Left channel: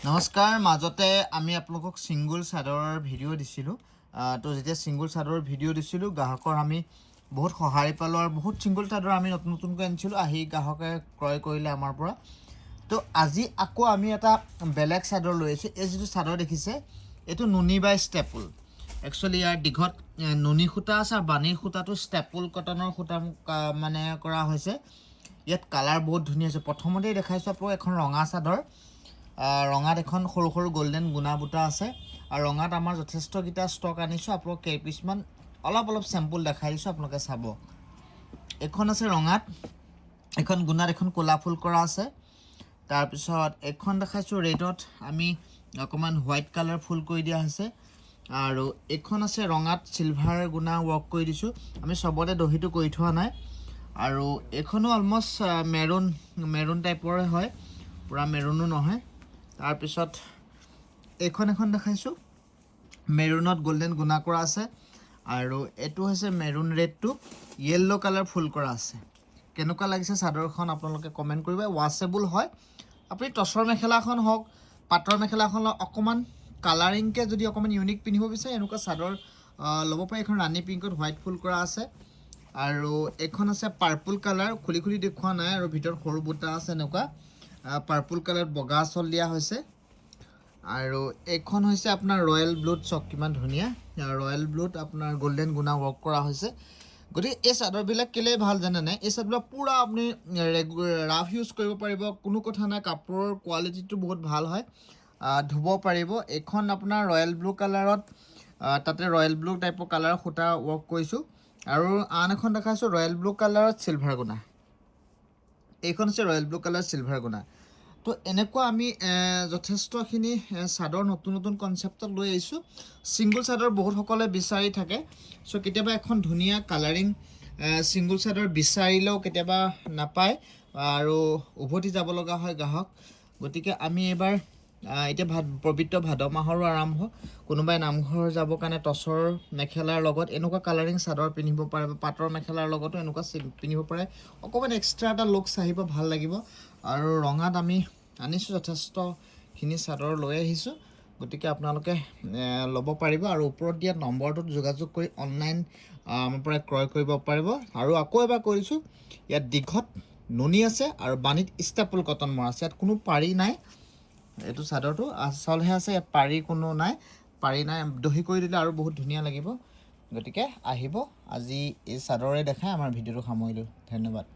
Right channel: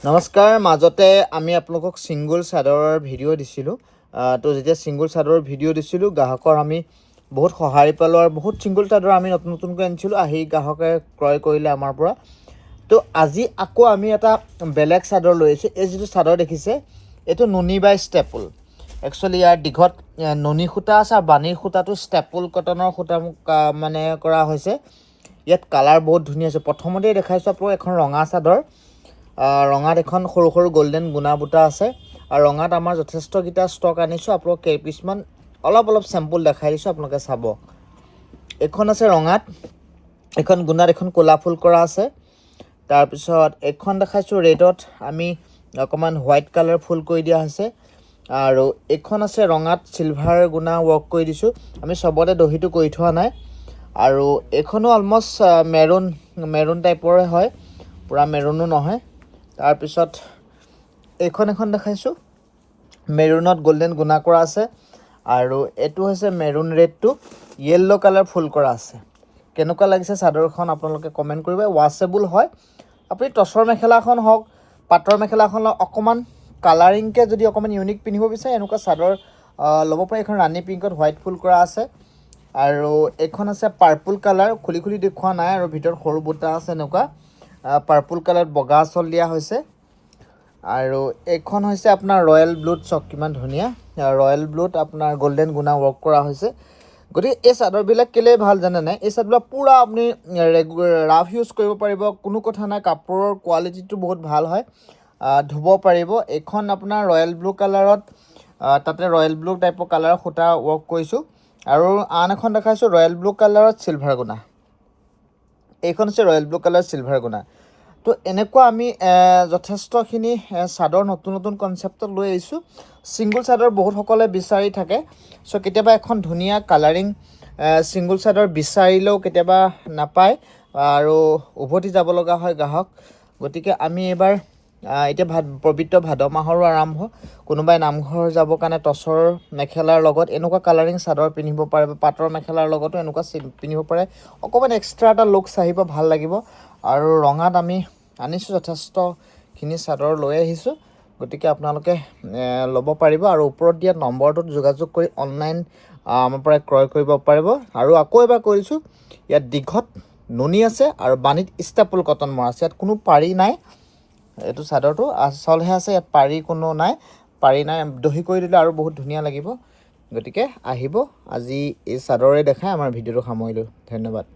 নমস্কাৰ মাজতে আমি আপোনালোকক সিঙ্গল চাদৰৰ ভিডিঅ' দিছিলোঁ তো যেতিয়া সিঙ্গল চাদৰৰ ভিডিঅ' দিছিলোঁ গ্ৰাহকৰ আমি বহুত সহায় পালোঁ আৰু বহুত সিঙ্গল চাদৰ আমি নতুনকৈ আনিছিলোঁ আহি গ্ৰাহকে ক্ৰয় কৰিলে আমাৰ পৰা তো আজি আকৌ আমি এটা বেলেগ চাদৰ লৈ আহিছোঁ এই যিটো চাদৰ দেখিছে এইটো নুনি বাই ষ্টেপল একচুৱেলি ইয়াৰ দীঘত নুনি সূতা আছে আৰু বাণীৰ সূতাটো ষ্টেপল কটনৰ সূতা মানে কৰা হৈছে ইয়াত কালাৰ বহুত ধুনীয়া আছে প্ৰথমতেই দেখাইছোঁ আপোনাক এখন ৰঙা চাদৰ ৰঙাত এখন সৰু সৰু গোল্ডেন গুণা বুটা আছে আৰু ৰঙাত আমাৰ যথেষ্টকেইটা ষ্টক আনিছোঁ আপোনাক কেইপিছমান অলপ চেম্পল দেখাই দিছোঁ আপোনালোকে চাব এখন আছে ৰঙাত এখন গুণাত এখন ক'লা ফুল কৰা আছে তাৰপিছত এখন দেখাইছোঁ ৰেডত আমি অকণমান হোৱাইট কালাৰ ফুল কৰি দিয়া হৈছে আৰু এখন আছে ৰঙাত চিলভাৰ গুণা ৱৰ্ক কৰি দিছোঁ আমি চবতে দহিটো কৰি থোৱা নাই আৰু এখনো অলমষ্ট মেৰুন টাইপৰে হয় পুৰা মেৰুনো নহয় তাৰপিছত এখন দেখাইছোঁ মেৰুনত গোল্ডেন গুণা কৰা আছে আৰু এইটো হৈছে মেৰুন ৰেডটো য়েল্লো কালাৰ ফুল কৰা আছে কেনেকুৱা লাগিছে চাদৰখন আপোনালোকে কমেণ্ট কৰিব ৱাছেবল হয় আপুনি টচৰ মেখেলাখন হওক পাটৰ মেখেলাখন অকণমান কালাৰিংকৈ যদি অকণমান ইউনিক পিন্ধিব বিচাৰে এনেকুৱা চাদৰ ল'ব পাৰে এখন ৰাণী পিংকত হোৱাইট ফুল কৰা আছে আৰু এইখন আছে পাৰ্পল কালাৰ খুলি দেখুওৱা নাই আৰু ভিতৰত সৰু বুটা আছে এনেকুৱা পাৰ্পল কালাৰত বগা আঁচল দিয়া হৈছে আৰু এইখন হৈছে আপোনাৰ ৰয়েল ব্লুত চক কিমান ধুনীয়া ৰয়েল ব্লুত আপোনাৰ গোল্ডেন গুণা ৱৰ্ক কৰা হৈছে গতিকে এই চাদৰবিলাক কেলৈ ভাল জানেনে এই চাদৰবিলাক পূৰা আপুনি ৰাফ ইউজ কৰিব পাৰিব কোনো কথা নাই কাপোৰৰ কোৱালিটিটো বহুত ভাল হয় ধুব পাৰিব এইখন আপোনাৰ ৰয়েল ব্লু কালাৰত তাতে ৰয়েল ব্লু টাইপৰ কালাৰৰ সূতা ৱৰ্ক কৰিছোঁ আৰু আন এখন দেখাইছোঁ ৰয়েল ব্লু কালাৰত চিলভাৰ গুণা এইখন হৈছে ৰয়েল ব্লু কালাৰ চিলভাৰ গুণা তো এনেকুৱা আমি যথেষ্টখিনি চাদৰ নতুন কনচেপ্টত লৈ আহিছোঁ ছিংগল চাদৰ বহুতসকলে বিচাৰি থাকে চ' কেতিয়াবা এখন ধুনীয়া কালাৰিং ছিংগল চাদৰ বিচাৰিলেও কেতিয়াবা নাপায় আৰু উভতি যাব লগা হয় গ্ৰাহক গতিকে আমি এইবাৰ এতিয়া পবিত্ৰ ভাদ মাহৰো আৰম্ভ কোনোবাই নামঘৰ যাবৰ কাৰণে টচৰ মেখেলাৰ লগত এনেকুৱা কালাৰিং চাদৰ পিন্ধিব পাৰে বা পাটৰ মেখেলাৰ লগতো এনেকুৱা পিন্ধিব পাৰে অকণমান এক্সট্ৰা এটা লুকছ আহিব ভাল লাগিব আৰু ৰঙাত আমি আনিছোঁ যথেষ্টখিনি চাদৰ লৈ আহিছোঁ গতিকে আপোনালোকে ল'ব পাৰিব আৰু ওপৰত দিয়া নম্বৰটোত যোগাযোগ কৰি অনলাইন আমাৰ পৰা ক্ৰয় কৰিব পাৰিব আৰু আকৌ এবাৰ কৰিছোঁ ইয়াত দীঘত নুনি আছে আৰু বাণীত ষ্টেপল কটন মৰা আছে ইয়াত কোনো পাৰি নাই এইটো চাদৰটো আচলহে আছে ইয়াত পাৰি কোনো নাই পাৰি নাই দহি কৰি দিলে আৰু বহুত ধুনীয়া লাগিব গতিকে আহিব আজি এই চাদৰে দেখাই আমাৰ ভিডিঅ'টো সামৰিলোঁ ধন্যবাদ